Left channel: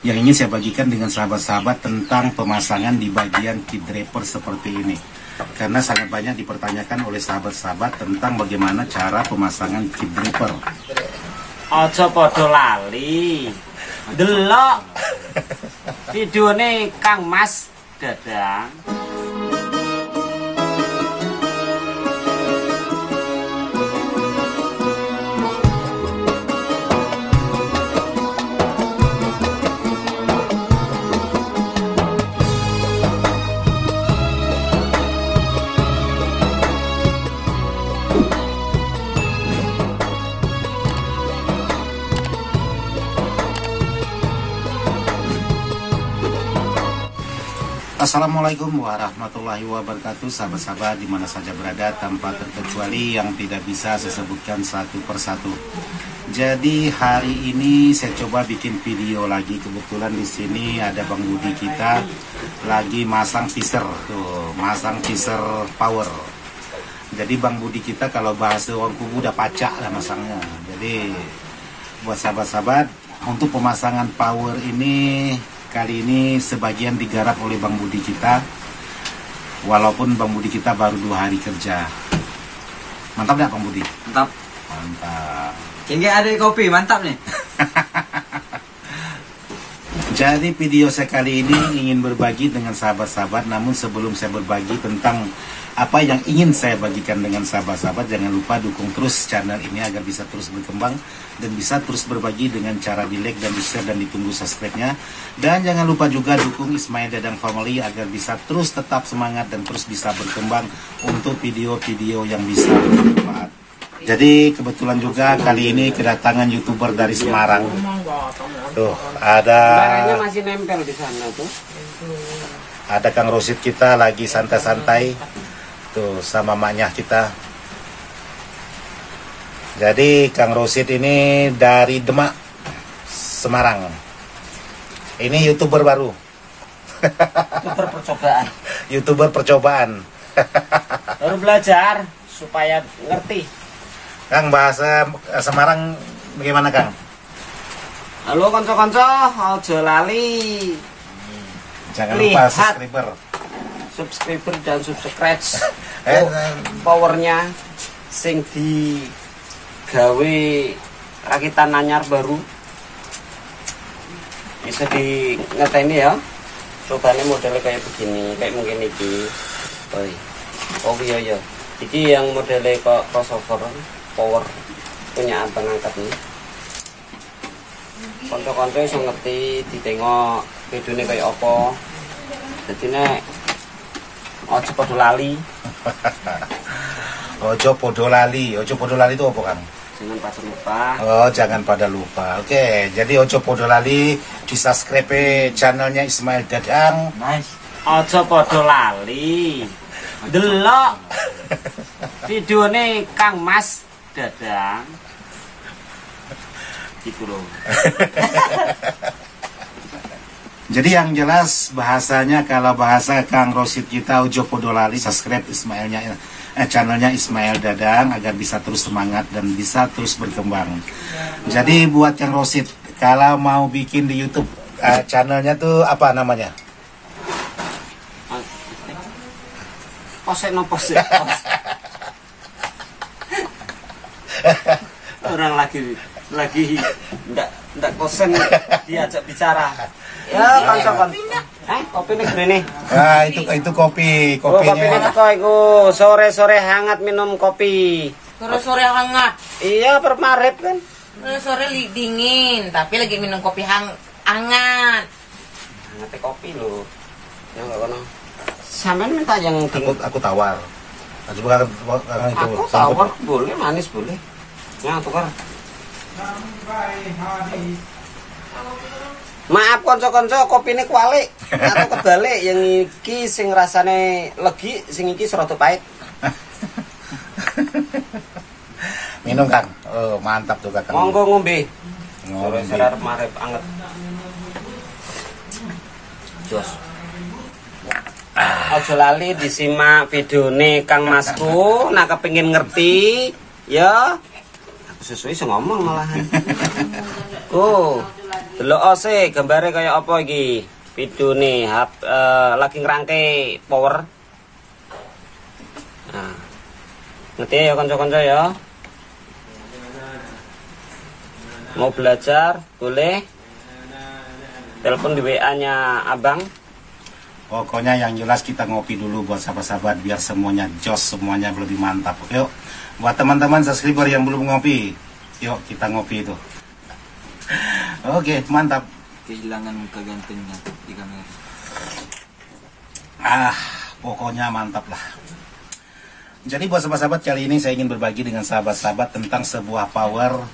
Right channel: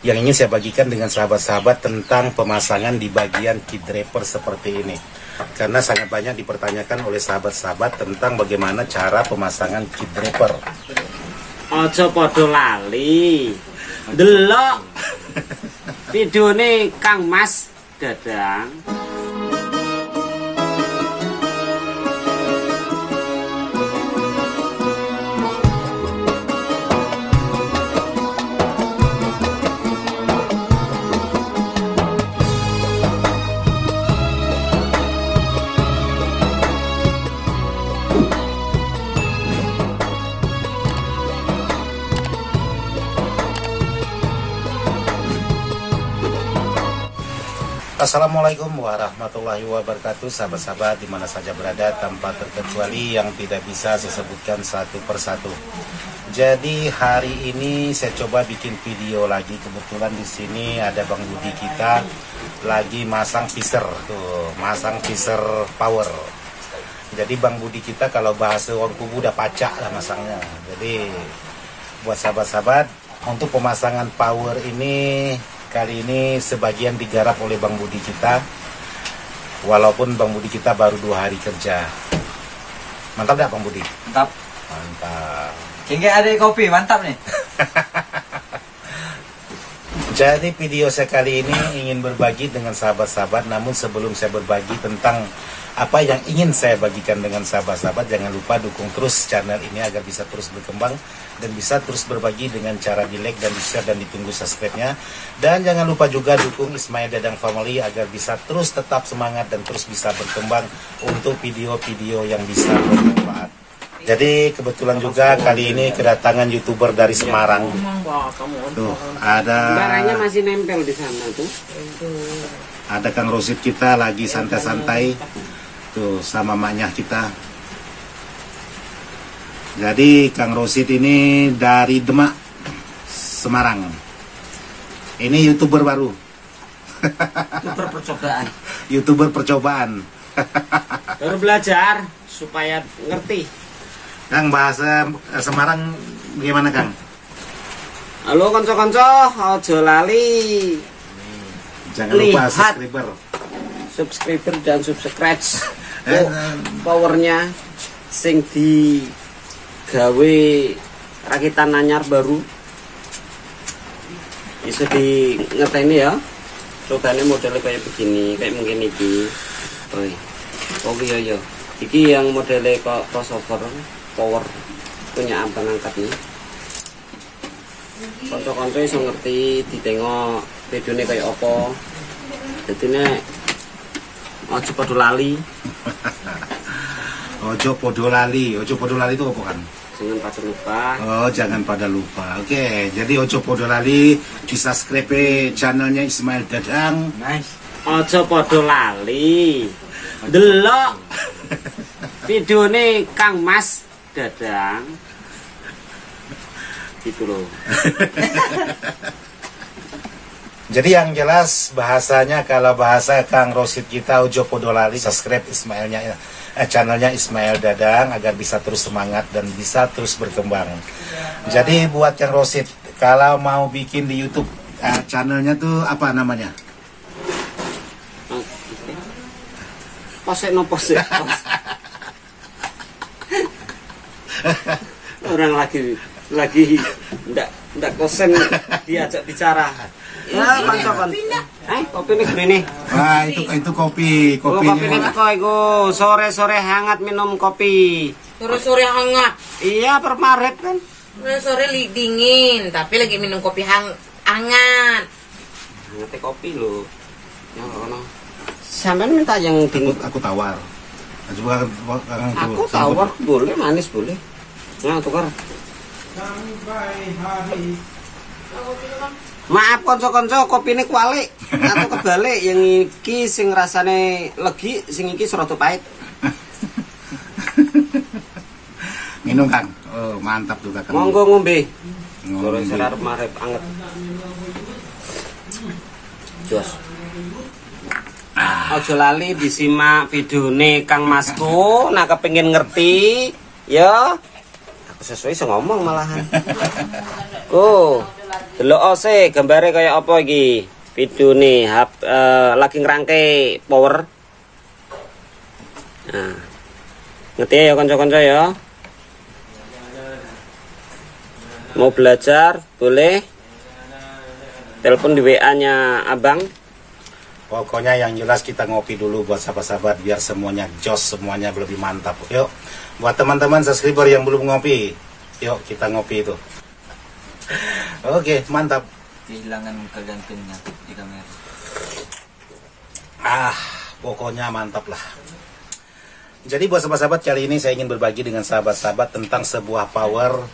Yang ingin saya bagikan dengan sahabat-sahabat tentang pemasangan di bagian key draper seperti ini. Karena sangat banyak dipertanyakan oleh sahabat-sahabat tentang bagaimana cara pemasangan key draper. Aja padha lali. Delok videone Kang Mas Dadang. Assalamualaikum warahmatullahi wabarakatuh. Sahabat-sahabat dimana saja berada, tanpa terkecuali yang tidak bisa saya sebutkan satu persatu. Jadi hari ini saya coba bikin video lagi. Kebetulan di sini ada Bang Budi kita lagi masang teaser, tuh masang teaser power. Jadi Bang Budi kita kalau bahasa orang kubu udah pacak lah masangnya. Jadi buat sahabat-sahabat, untuk pemasangan power ini kali ini sebagian digarap oleh Bang Budi kita, walaupun Bang Budi kita baru 2 hari kerja. Mantap gak Bang Budi? Mantap. Mantap. Hingga ada kopi, mantap nih. Jadi video saya kali ini ingin berbagi dengan sahabat-sahabat, namun sebelum saya berbagi tentang apa yang ingin saya bagikan dengan sahabat-sahabat, jangan lupa dukung terus channel ini agar bisa terus berkembang dan bisa terus berbagi dengan cara di like dan di share dan ditunggu subscribe-nya. Dan jangan lupa juga dukung Ismail Dadang Family agar bisa terus tetap semangat dan terus bisa berkembang untuk video-video yang bisa bermanfaat. Jadi kebetulan juga kali ini kedatangan YouTuber dari Semarang. Tuh, ada Barangnya masih nempel di sana tuh. Ada Kang Rosid kita lagi santai-santai tuh sama maknya kita. Jadi Kang Rosid ini dari Demak, Semarang. Ini YouTuber baru. YouTuber percobaan. YouTuber percobaan. Baru belajar supaya ngerti. Kang, bahasa Semarang bagaimana Kang? Halo konco-konco, aja lali. Jangan lupa subscriber dan subscribe. Powernya sing di gawe rakitan anyar baru bisa di ngeteni ya. Contohnya modelnya kayak begini, kayak mungkin iki. Oh iya ya. Iki yang modelnya kok crossover power punya abang angkat nih. Konco-konco iso ngerti ditengok videone kayak apa. Jadi nek ojo padha lali. Ojo podo lali. Ojo podo lali itu apa Kang? Jangan pada lupa. Oh, jangan pada lupa. Oke, jadi ojo podo lali di subscribe channelnya Ismail Dadang. Nice. Ojo padha lali. Delok videone Kang Mas Dadang. Gitu loh. Jadi yang jelas bahasanya, kalau bahasa Kang Rosid kita ojo podo lali, subscribe channelnya Ismail Dadang agar bisa terus semangat dan bisa terus berkembang. Jadi buat Kang Rosid, kalau mau bikin di YouTube channelnya tuh apa namanya? Posek no posek. Orang lagi ndak kosen diajak bicara. Ya, konco-konco. Kopi nih gini. Wah, itu kopi, kopinya. Oh, kopi nih kok iku sore-sore hangat minum kopi. Sore-sore hangat. Iya, permaret kan. Sore dingin, tapi lagi minum kopi hangat. Hangat kopi lho. Ya enggak kono. Sampean minta yang dingin. Aku tawar. Aku tawar boleh, manis boleh. Ya, tukar. Maaf konco-konco, kopi ini kualik atau kebalik. Yang iki sing rasane legi, sing iki serata pahit. Minum Kang. Oh, mantap juga Kang. Monggo ngombe. Sore arep marep anget. Jos. Aja lali disimak videone Kang Masku, nak kepengin ngerti, ya. Aku sesuai ngomong malahan. Oh. Delok ose gambare kaya apa iki? Video nih lagi ngerangke power. Nah. Ngerti ya kanca-kanca ya. Mau belajar boleh telepon di WA-nya Abang. Pokoknya yang jelas kita ngopi dulu buat sahabat-sahabat biar semuanya jos, semuanya lebih mantap. Yuk, buat teman-teman subscriber yang belum ngopi, yuk kita ngopi itu. Oke, mantap. Kehilangan muka gantengnya di kamera. Pokoknya mantap lah. Jadi buat sahabat-sahabat, kali ini saya ingin berbagi dengan sahabat-sahabat tentang sebuah power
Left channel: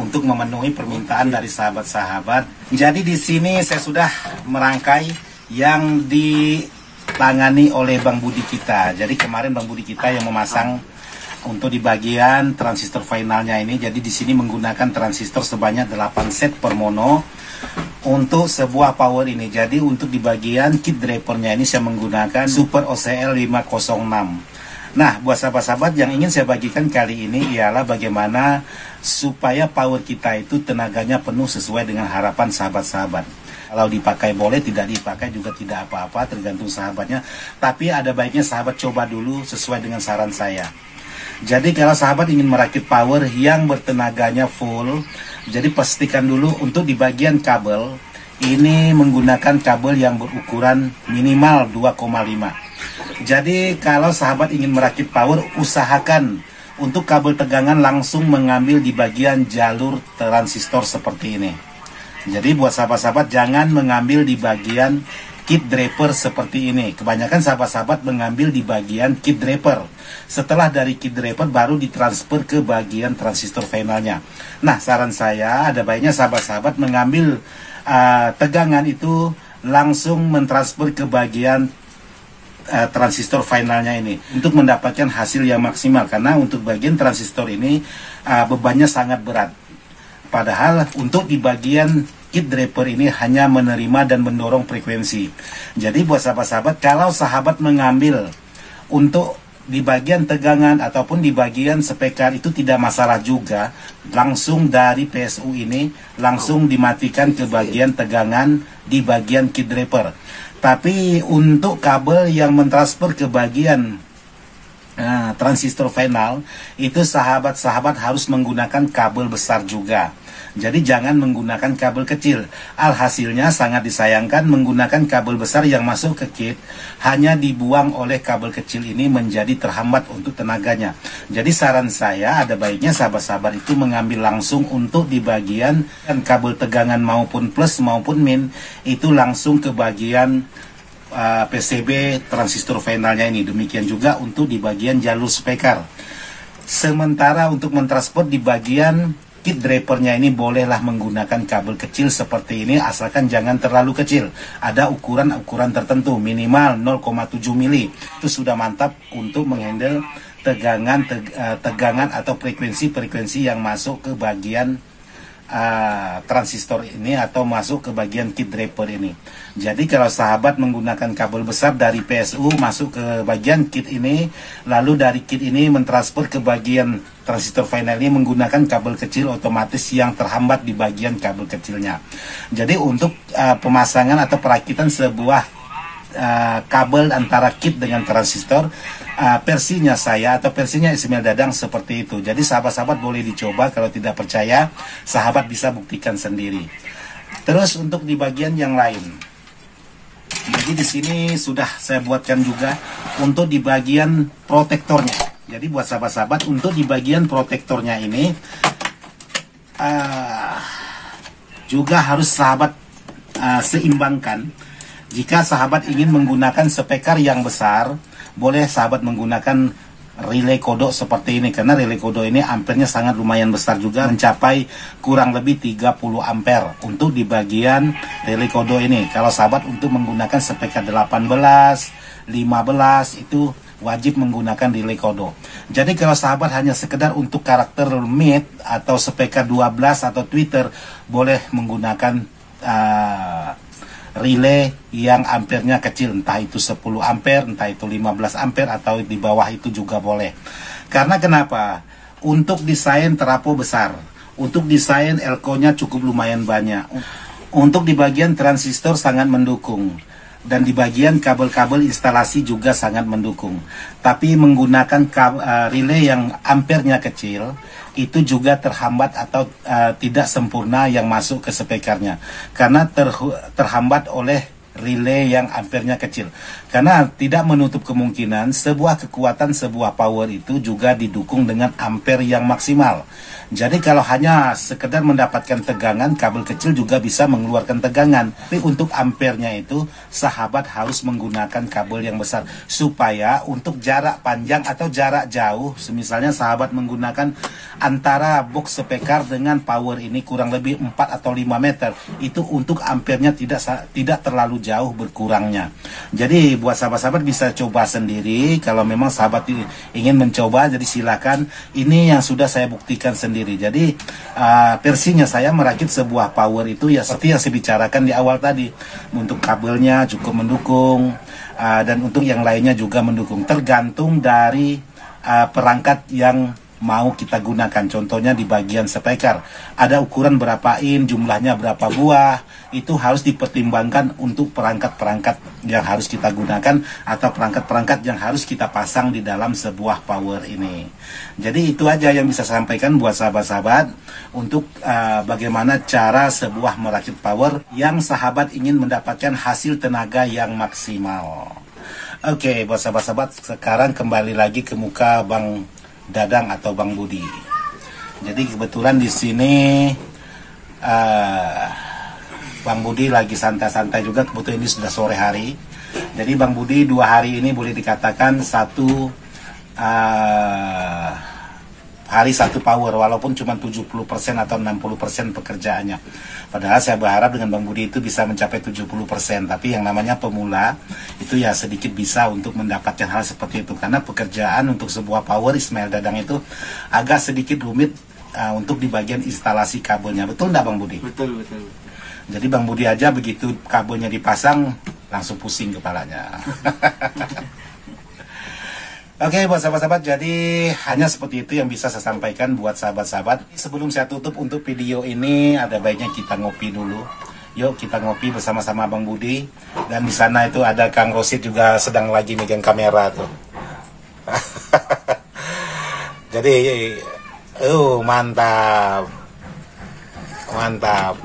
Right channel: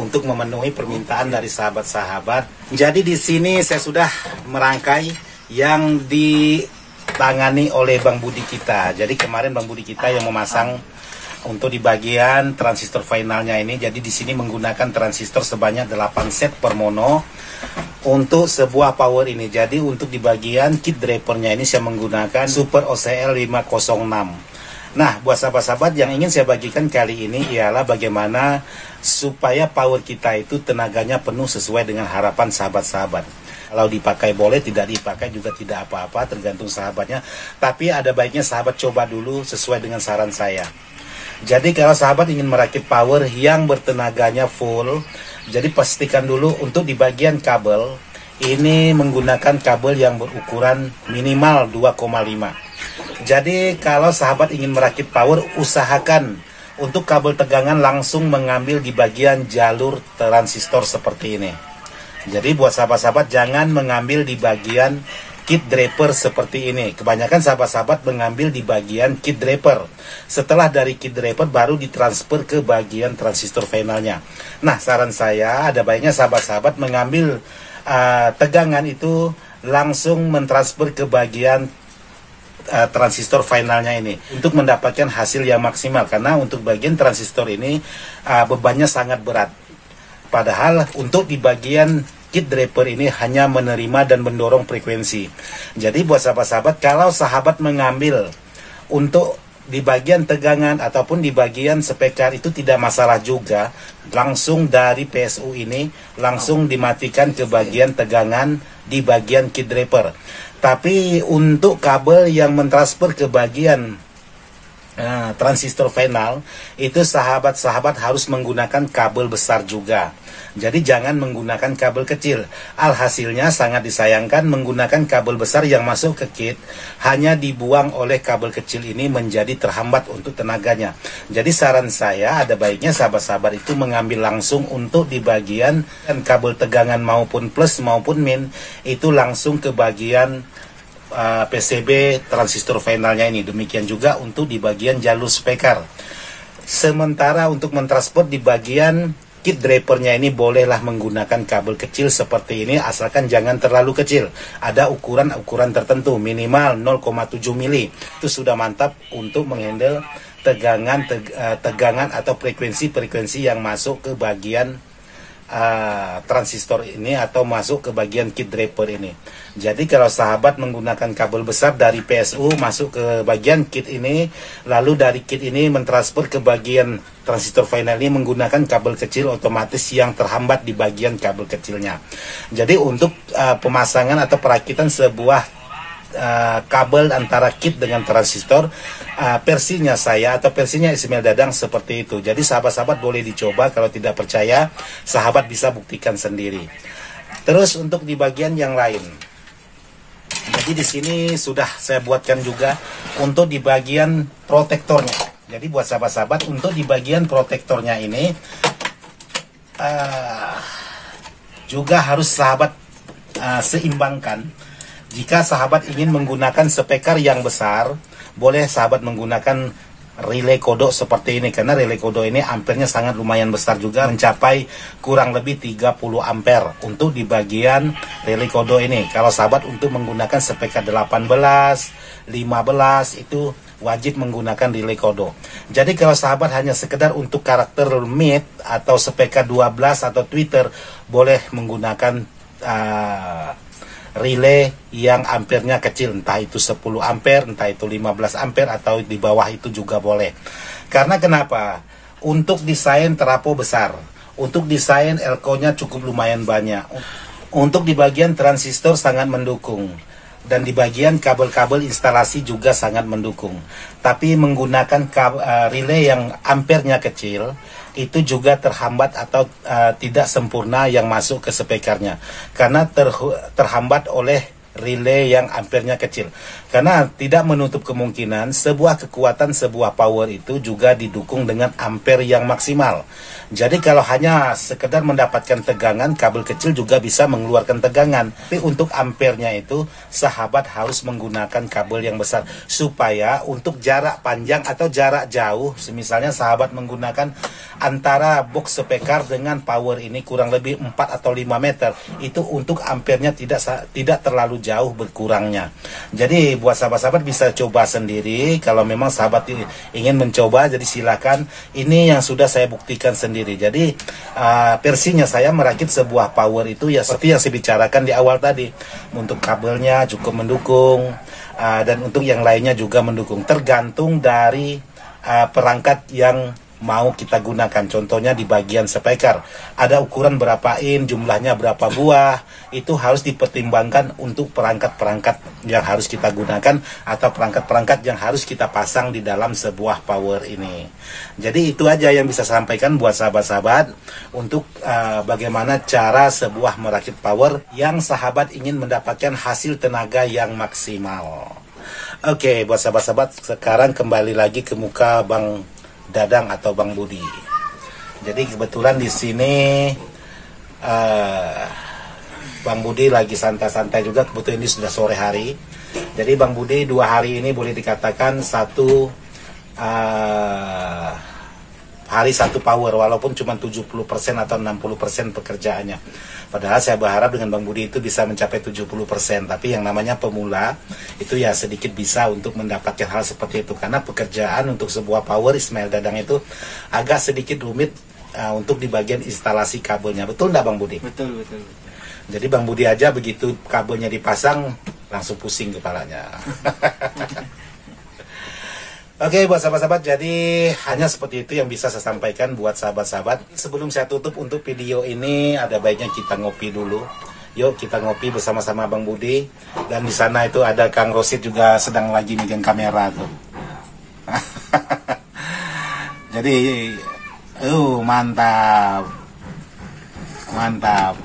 untuk memenuhi permintaan dari sahabat-sahabat. Jadi di sini saya sudah merangkai yang ditangani oleh Bang Budi kita. Jadi kemarin Bang Budi kita yang memasang untuk di bagian transistor finalnya ini. Jadi di sini menggunakan transistor sebanyak 8 set per mono untuk sebuah power ini. Jadi untuk di bagian kit drapernya ini saya menggunakan Super OCL 506. Nah, buat sahabat-sahabat yang ingin saya bagikan kali ini ialah bagaimana supaya power kita itu tenaganya penuh sesuai dengan harapan sahabat-sahabat. Kalau dipakai boleh, tidak dipakai juga tidak apa-apa, tergantung sahabatnya. Tapi ada baiknya sahabat coba dulu sesuai dengan saran saya. Jadi kalau sahabat ingin merakit power yang bertenaganya full, jadi pastikan dulu untuk di bagian kabel, ini menggunakan kabel yang berukuran minimal 2,5. Jadi kalau sahabat ingin merakit power, usahakan untuk kabel tegangan langsung mengambil di bagian jalur transistor seperti ini. Jadi buat sahabat-sahabat jangan mengambil di bagian kit draper seperti ini. Kebanyakan sahabat-sahabat mengambil di bagian kit draper. Setelah dari kit draper baru ditransfer ke bagian transistor finalnya. Nah, saran saya ada baiknya sahabat-sahabat mengambil tegangan itu langsung mentransfer ke bagian transistor finalnya ini untuk mendapatkan hasil yang maksimal, karena untuk bagian transistor ini bebannya sangat berat. Padahal untuk di bagian kit draper ini hanya menerima dan mendorong frekuensi. Jadi buat sahabat-sahabat, kalau sahabat mengambil untuk di bagian tegangan ataupun di bagian speaker itu tidak masalah juga, langsung dari PSU ini langsung dimatikan ke bagian tegangan di bagian kit draper. Tapi untuk kabel yang mentransfer ke bagian transistor final, itu sahabat-sahabat harus menggunakan kabel besar juga. Jadi jangan menggunakan kabel kecil. Alhasilnya sangat disayangkan menggunakan kabel besar yang masuk ke kit, hanya dibuang oleh kabel kecil ini menjadi terhambat untuk tenaganya. Jadi saran saya ada baiknya sahabat-sahabat itu mengambil langsung untuk di bagian kabel tegangan maupun plus maupun min, itu langsung ke bagian PCB transistor finalnya ini. Demikian juga untuk di bagian jalur speaker. Sementara untuk mentransfer di bagian kit drapernya ini bolehlah menggunakan kabel kecil seperti ini, asalkan jangan terlalu kecil. Ada ukuran-ukuran tertentu, minimal 0,7 mili. Itu sudah mantap untuk menghandle tegangan atau frekuensi-frekuensi yang masuk ke bagian transistor ini atau masuk ke bagian kit draper ini. Jadi kalau sahabat menggunakan kabel besar dari PSU masuk ke bagian kit ini, lalu dari kit ini mentransfer ke bagian transistor final ini menggunakan kabel kecil, otomatis yang terhambat di bagian kabel kecilnya. Jadi untuk pemasangan atau perakitan sebuah kabel antara kit dengan transistor, versinya saya atau versinya Ismail Dadang seperti itu. Jadi sahabat-sahabat boleh dicoba, kalau tidak percaya sahabat bisa buktikan sendiri. Terus untuk di bagian yang lain, jadi di sini sudah saya buatkan juga untuk di bagian protektornya. Jadi buat sahabat-sahabat untuk di bagian protektornya ini juga harus sahabat seimbangkan. Jika sahabat ingin menggunakan speaker yang besar, boleh sahabat menggunakan relay kodok seperti ini, karena relay kodok ini ampernya sangat lumayan besar juga, mencapai kurang lebih 30 ampere untuk di bagian relay kodok ini. Kalau sahabat untuk menggunakan speaker 18, 15 itu wajib menggunakan relay kodok. Jadi kalau sahabat hanya sekedar untuk karakter mid atau speaker 12 atau tweeter, boleh menggunakan relay yang ampernya kecil, entah itu 10 ampere, entah itu 15 ampere, atau di bawah itu juga boleh. Karena kenapa? Untuk desain terapo besar, untuk desain elko-nya cukup lumayan banyak. Untuk di bagian transistor sangat mendukung. Dan di bagian kabel-kabel instalasi juga sangat mendukung. Tapi menggunakan relay yang ampernya kecil, itu juga terhambat atau tidak sempurna yang masuk ke spekernya. Karena terhambat oleh relay yang ampernya kecil. Karena tidak menutup kemungkinan sebuah kekuatan, sebuah power itu juga didukung dengan ampere yang maksimal. Jadi kalau hanya sekedar mendapatkan tegangan, kabel kecil juga bisa mengeluarkan tegangan. Tapi untuk ampernya itu, sahabat harus menggunakan kabel yang besar. Supaya untuk jarak panjang atau jarak jauh, misalnya sahabat menggunakan antara box speaker dengan power ini kurang lebih 4 atau 5 meter. Itu untuk ampernya tidak terlalu jauh berkurangnya. Jadi buat sahabat-sahabat bisa coba sendiri. Kalau memang sahabat ingin mencoba, jadi silakan. Ini yang sudah saya buktikan sendiri. Jadi versinya saya merakit sebuah power itu ya seperti yang saya bicarakan di awal tadi. Untuk kabelnya cukup mendukung dan untuk yang lainnya juga mendukung. Tergantung dari perangkat yang mau kita gunakan. Contohnya di bagian speaker ada ukuran berapa in, jumlahnya berapa buah, itu harus dipertimbangkan untuk perangkat-perangkat yang harus kita gunakan atau perangkat-perangkat yang harus kita pasang di dalam sebuah power ini. Jadi itu aja yang bisa saya sampaikan buat sahabat-sahabat untuk bagaimana cara sebuah merakit power yang sahabat ingin mendapatkan hasil tenaga yang maksimal. Oke, buat sahabat-sahabat, sekarang kembali lagi ke muka Bang Dadang atau Bang Budi. Jadi kebetulan di sini Bang Budi lagi santai-santai juga, kebetulan ini sudah sore hari. Jadi Bang Budi 2 hari ini boleh dikatakan satu hari satu power, walaupun cuma 70% atau 60% pekerjaannya. Padahal saya berharap dengan Bang Budi itu bisa mencapai 70%. Tapi yang namanya pemula itu ya sedikit bisa untuk mendapatkan hal seperti itu. Karena pekerjaan untuk sebuah power Ismail Dadang itu agak sedikit rumit untuk di bagian instalasi kabelnya. Betul enggak Bang Budi? Betul. Jadi Bang Budi aja begitu kabelnya dipasang langsung pusing kepalanya. Oke, buat sahabat-sahabat, jadi hanya seperti itu yang bisa saya sampaikan buat sahabat-sahabat. Sebelum saya tutup untuk video ini, ada baiknya kita ngopi dulu. Yuk kita ngopi bersama-sama Bang Budi. Dan di sana itu ada Kang Rosid juga sedang lagi megang kamera tuh. Jadi, mantap. Mantap.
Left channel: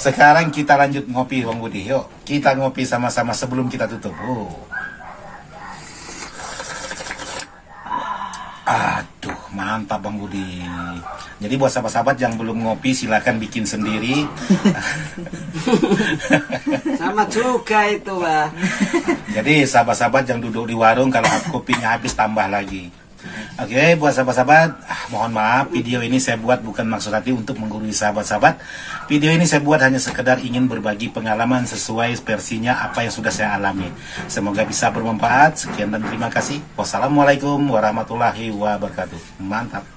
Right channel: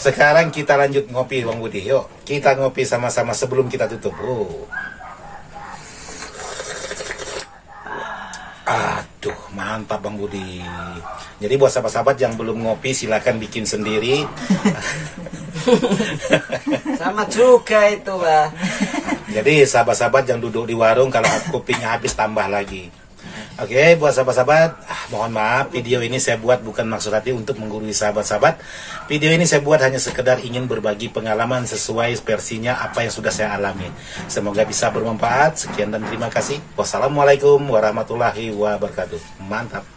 Sekarang kita lanjut ngopi Bang Budi. Yuk, kita ngopi sama-sama sebelum kita tutup. Aduh, mantap Bang Budi. Jadi buat sahabat-sahabat yang belum ngopi silakan bikin sendiri. Sama juga itu, Pak. Jadi sahabat-sahabat yang duduk di warung kalau kopinya habis tambah lagi. Oke, buat sahabat-sahabat, mohon maaf video ini saya buat bukan maksud hati untuk menggurui sahabat-sahabat. Video ini saya buat hanya sekedar ingin berbagi pengalaman sesuai versinya apa yang sudah saya alami. Semoga bisa bermanfaat. Sekian dan terima kasih. Wassalamualaikum warahmatullahi wabarakatuh. Mantap.